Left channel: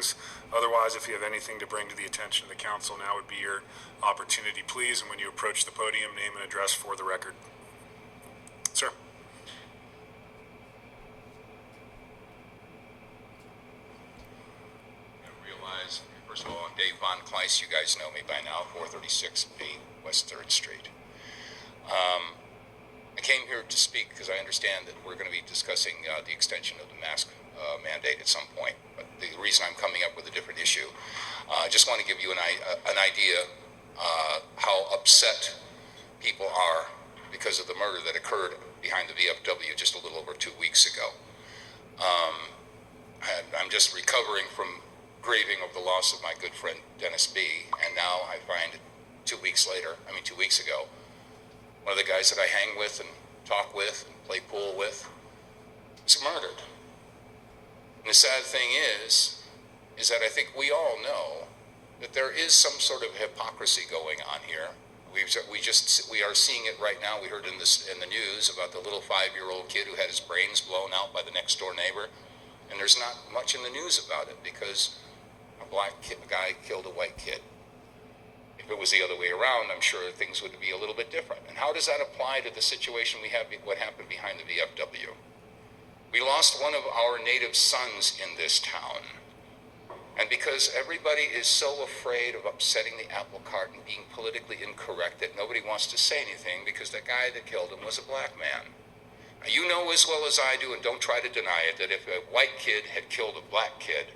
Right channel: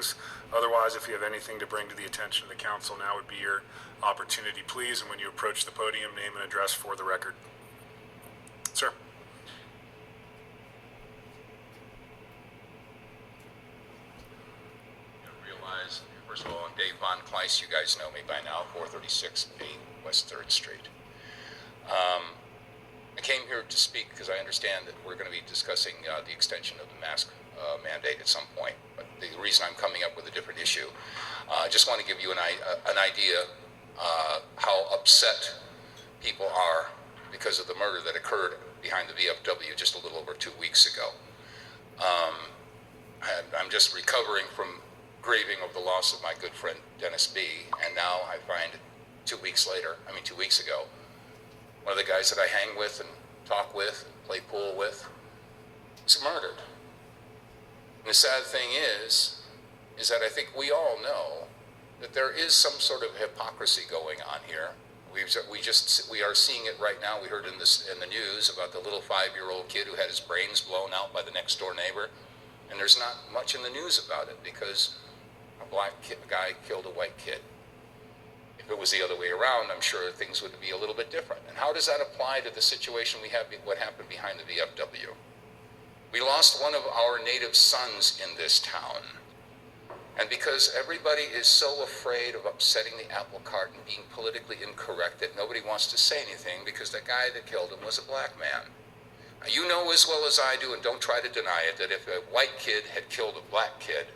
things. Otherwise, if you have anything to bring to the attention of the council, now would be your opportunity, please. And when you approach the podium, name and address for the record. Sir. First of all, I'm Dave Von Kliest. You guys know me by now, 436B West 3rd Street. I came here to speak because I understand that we're going to be discussing the extension of the mask mandate at some point. But the reason I'm coming up with a different issue, I just want to give you an idea how upset people are because of the murder that occurred behind the VFW just a little over 2 weeks ago. I'm just recovering from grieving of the loss of my good friend Dennis B. And now I find 2 weeks ago, one of the guys that I hang with and talk with and play pool with was murdered. And the sad thing is that I think we all know that there is some sort of hypocrisy going on here. We are seeing it right now. We heard in the news about the little 5-year-old kid who had his brains blown out by the next door neighbor. And there's not much in the news about it because a guy killed a white kid. If it was the other way around, I'm sure things would be a little bit different. And how does that apply to the situation we have, what happened behind the VFW? We lost one of our native sons in this town. And because everybody is so afraid of upsetting the apple cart and being politically incorrect that nobody wants to say anything because the guy that killed him was a black man. Now, you know as well as I do, and don't try to deny it, that if a white kid had killed a black kid,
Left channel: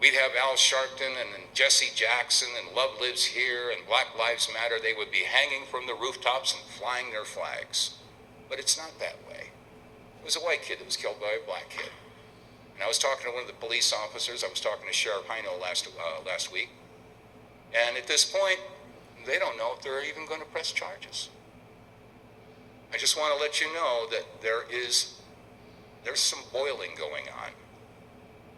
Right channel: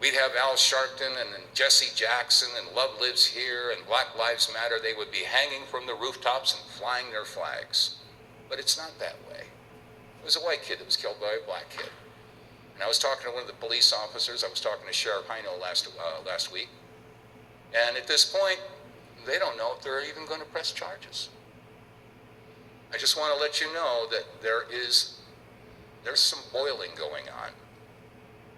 we'd have Al Sharpton and Jesse Jackson and Love Lives Here and Black Lives Matter. They would be hanging from the rooftops and flying their flags. But it's not that way. It was a white kid that was killed by a black kid. And I was talking to one of the police officers. I was talking to Sheriff Hino last week. And at this point, they don't know if they're even going to press charges. I just want to let you know that there's some boiling going on.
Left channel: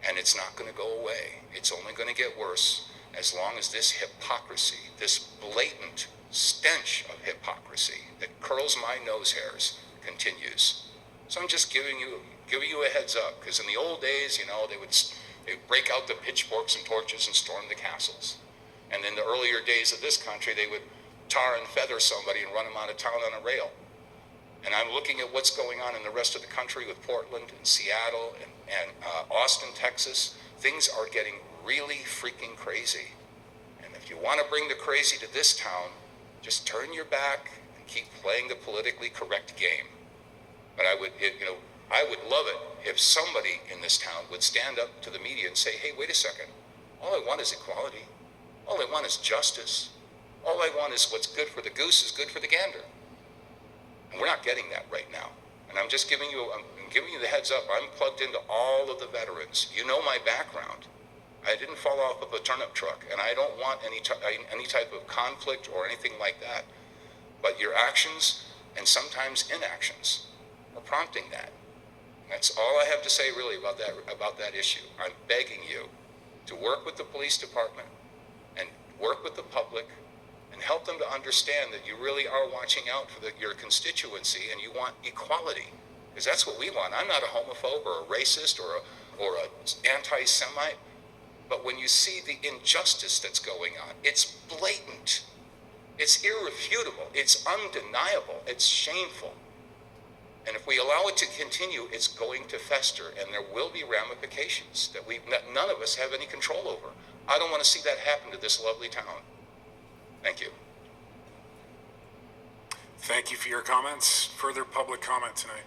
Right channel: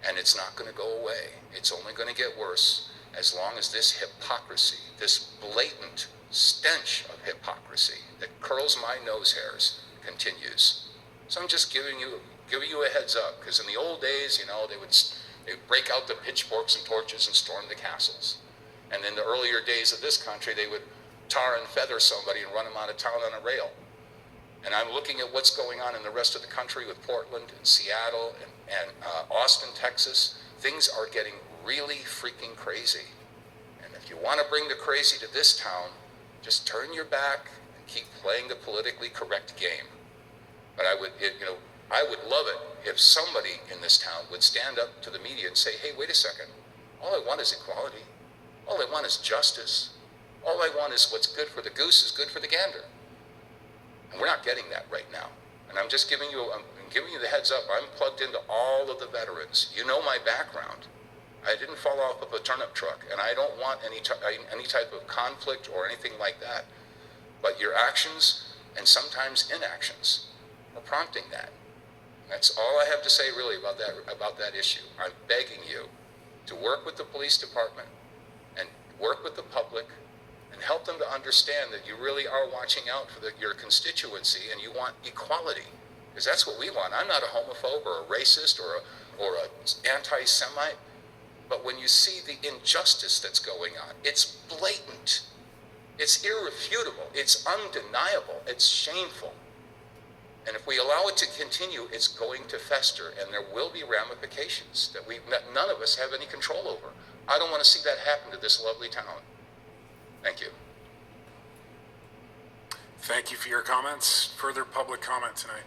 And it's not going to go away. It's only going to get worse as long as this hypocrisy, this blatant stench of hypocrisy that curls my nose hairs continues. So I'm just giving you a heads up, because in the old days, they'd break out the pitchforks and torches and storm the castles. And in the earlier days of this country, they would tar and feather somebody and run them out of town on a rail. And I'm looking at what's going on in the rest of the country with Portland and Seattle and Austin, Texas. Things are getting really freaking crazy. And if you want to bring the crazy to this town, just turn your back and keep playing the politically correct game. But I would love it if somebody in this town would stand up to the media and say, hey, wait a second. All I want is equality. All I want is justice. All I want is what's good for the goose is good for the gander. And we're not getting that right now. And I'm giving you the heads up. I'm plugged into all of the veterans. You know my background. I didn't fall off of a turnip truck, and I don't want any type of conflict or anything like that. But your actions and sometimes inactions are prompting that. And that's all I have to say really about that issue. I'm begging you to work with the police department and work with the public and help them to understand that you really are watching out for your constituency and you want equality, because that's what we want. I'm not a homophobe or a racist or an anti-Semite, but when you see the injustice that's going on, it's blatant, it's irrefutable, it's undeniable, it's shameful. And if we allow it to continue, it's going to fester, and there will be ramifications that none of us have any control over. I don't want to see that happen to this lovely town. Thank you. Thank you for your comments. Further public comment tonight?